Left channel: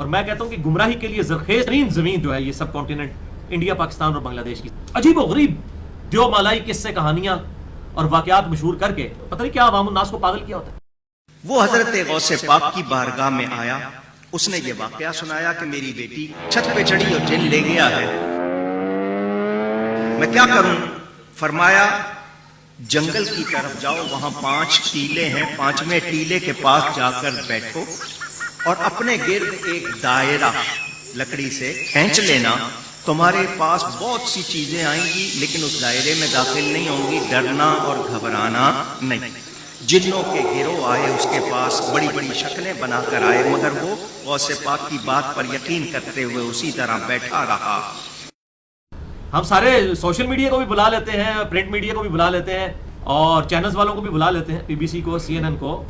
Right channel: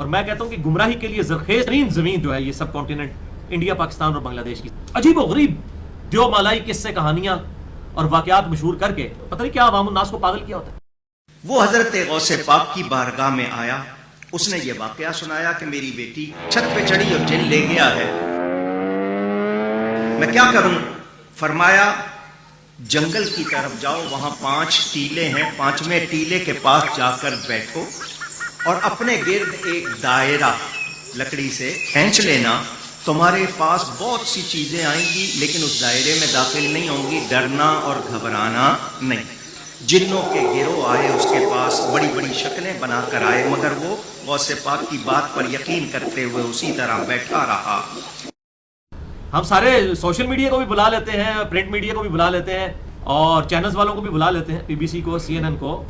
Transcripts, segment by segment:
اور میں کہتا ہوں کہ گمراہی کے لیے زرخیز ترین زمین جو ہے یہ سب کانٹیننٹ انڈیا، پاکستان اور بنگلہ دیش کی، عجیب و غریب دیو مالائی قصے کہانیاں اور واقعات مشہور کر کے پتہ نہیں کیا عوام الناس کو پاگل کیا ہوتا ہے۔ وہ حضرت غوث پاک کی بارگاہ میں آیا، اس نے یہ واقعہ سنایا کہ میری بیٹی چھت پہ چڑھی اور جن لے گیا ہے، میں کیا کروں؟ فرمایا جنگل کی طرف جاؤ، وہاں 5 ٹیلے ہیں، 5ویں ٹیلے کے پاس جا کر بیٹھو اور اپنے گرد ایک دائرہ لکڑی سے کھینچ لینا، تمہارے پاس بہت سی چیزیں آئیں گی لیکن اس دائرے میں داخل نہیں ہوں گی، ڈرنا اور گھبرانا نہیں۔ جنوں کے گروہ آئے اس کے پاس، بڑی بڑی شکلیں بنا کر آئے، مگر وہ غوث پاک کی بات پر یقین کرتے ہوئے اسی طرح بیٹھا رہا۔ ہم سارے سوشل میڈیا کو بھی بلا لیتے ہیں، پرنٹ میڈیا کو بھی بلا لیتے ہیں، اور چینلز والوں کو بھی بلا لیتے ہیں، BBC کو، CNN کو،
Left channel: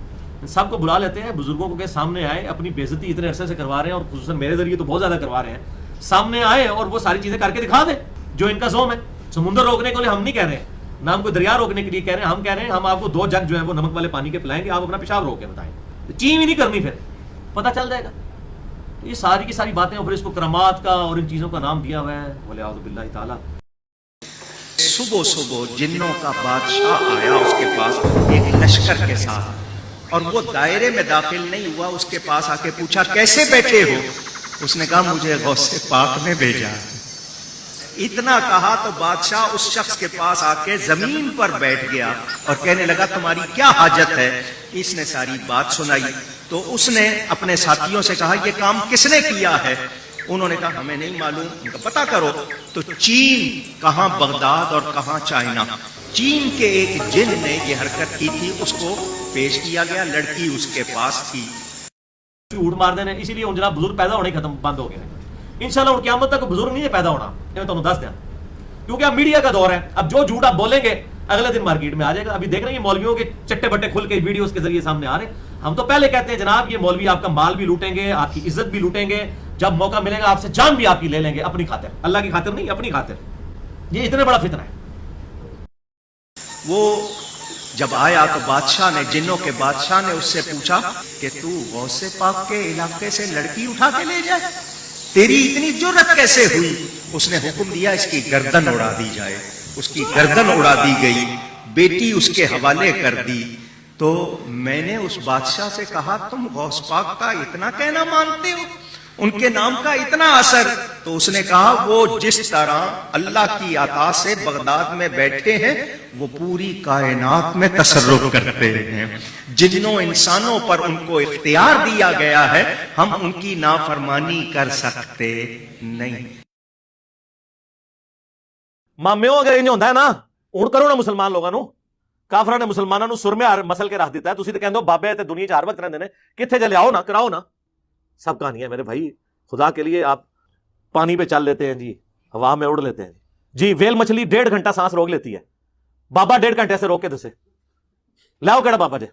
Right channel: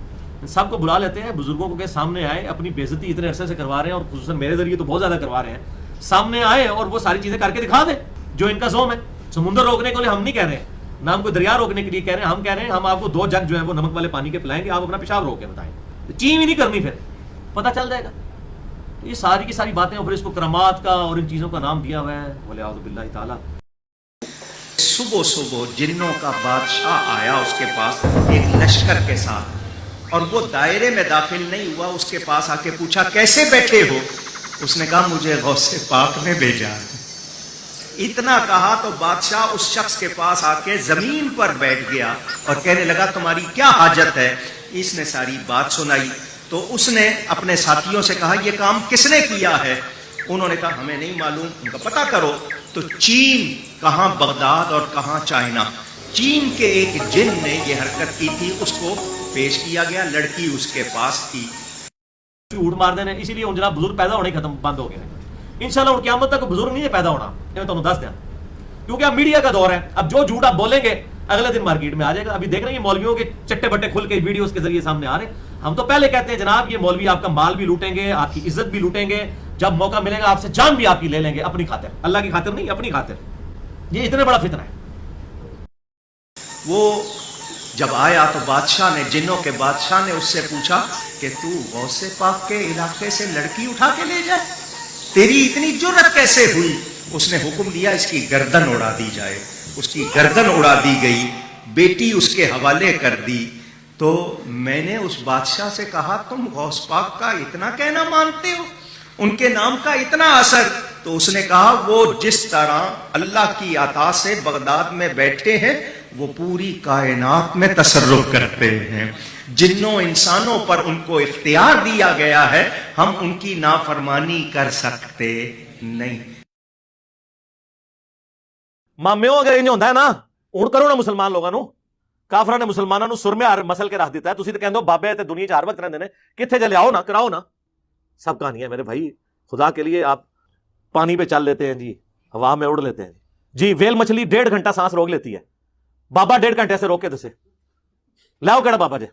سب کو بلا لیتے ہیں، بزرگوں کے سامنے آئے، اپنی بے عزتی اتنے عرصے سے کروا رہے ہیں اور خصوصاً میرے ذریعے تو بہت زیادہ کروا رہے ہیں، سامنے آئے اور وہ ساری چیزیں کر کے دکھا دیں جو ان کا زوم ہے۔ سمندر روکنے کے لیے ہم نہیں کہہ رہے ہیں، نہ ہم کو دریا روکنے کے لیے کہہ رہے ہیں، ہم کہہ رہے ہیں ہم آپ کو 2 جگ جو ہے وہ نمک والے پانی کے پلائیں گے، آپ اپنا پیشاب روک کے بتائیں، چین بھی نہیں کرنی، پھر پتہ چل جائے گا۔ یہ ساری کی ساری باتیں، اور پھر اس کو کرامات کا اور ان چیزوں کا نام دیا ہوا ہے، ولیعوذ باللہ تعالیٰ۔ صبح صبح جنوں کا بادشاہ آیا اس کے پاس ایک لشکر کے ساتھ، اور وہ دائرے میں داخل نہیں ہوا، اس کے پاس آ کے پوچھا کیسے بیٹھے ہو؟ اس نے کہا مجھے غوث پاک نے بھیجا۔ اتنا کہا تو بادشاہ اس شخص کے پاس آ کے زمین پر بیٹھ گیا اور کہنے لگا تمہاری کیا حاجت ہے؟ اس نے ساری بات سنائی تو اس نے اپنے ساتھیوں سے کہا یہ کام کس نے کیا ہے؟ انہوں نے کہا ہمیں نہیں معلوم، پتہ کرو۔ تو چین، کہاں بغداد اور کہاں چائنا، چین کے ایک جن نے یہ حرکت کی تھی، اس کو پیش کیا گیا، لڑکی اس کے پاس تھی۔ جھوٹ مار دینے، اسی لیے جناب بزرگ پیدا ہونے ختم بند ہو گئے ہیں، انشاءاللہ اور قیامت تک بزرگ نہیں ہے پیدا ہونا، میں تمہیں دس دیا، کیونکہ اب میڈیا کا دور ہے، اب جو جھوٹ آپ بولیں گے اگلے دن مارکیٹ میں آ جائے گا۔ ابھی دیکھ رہے ہیں مولویوں کے چٹے بٹے کھل کے ویڈیوز کے ذریعے سامنے آ رہے ہیں۔ ہم تو پہلے کہتے ہیں جناب یہ مولوی آپ کا مال بھی لوٹیں گے، آپ کی عزت بھی لوٹیں گے، جب موقع ملے گا آپ سے جان بھی آپ کی لے لیں گے، اپنی خاطر، اللہ کی خاطر نہیں، اپنی خاطر۔ یہ اتنا بڑا فتنہ ہے۔ وہ جب آیا تو بادشاہ نے، جنوں کے بادشاہ نے اس سے پوچھا کہ تو غوث پاک کے علاقے سے لڑکی اٹھا کے لے جائے، تیری اتنی جرأت کیسے ہوئی؟ اس نے حکم دیا اس کی گردن اڑا دی جائے، اس کی گردن اڑا دی گئی، بیٹی اس کے حوالے کر دی۔ تو میں نے اس بادشاہ سے کہا تم غوث پاک کا اتنا کہنا مانتے ہو، ان کے نام کا اتنا اثر؟ تو اس نے کہا وہ جس طرح اللہ کی عطا سے بغداد میں بیٹھے ہیں وہ پوری کائنات میں تصرف کرتے ہیں، جنوں انسانوں پر ان کو اختیار دیا گیا ہے، ہم ان کی نافرمانی کر سکتے نہیں۔ مامیوں اگر انج ہوتا ہے نا، ہوں کرو نا مسلمان لوگوں نو، کافراں نے مسلمانوں نو سر میں مسل کے رکھ دیتا ہے، تسی تے کہندے ہو بابے تے دنیا 'چ ہر وقت رہندے نے، کتھے جے لیاؤ نا، کراؤ نا۔ سب کہانی ہے میرے بھائی، خدا کے لیے آپ پانی پہ چل لیتے ہیں جی، ہوا میں اڑ لیتے ہیں جی، ویل مچھلی 1.5 گھنٹہ سانس روک لیتی ہے، بابا 1.5 گھنٹے سے روک کے دسے لاؤ کہڑا بابا جی۔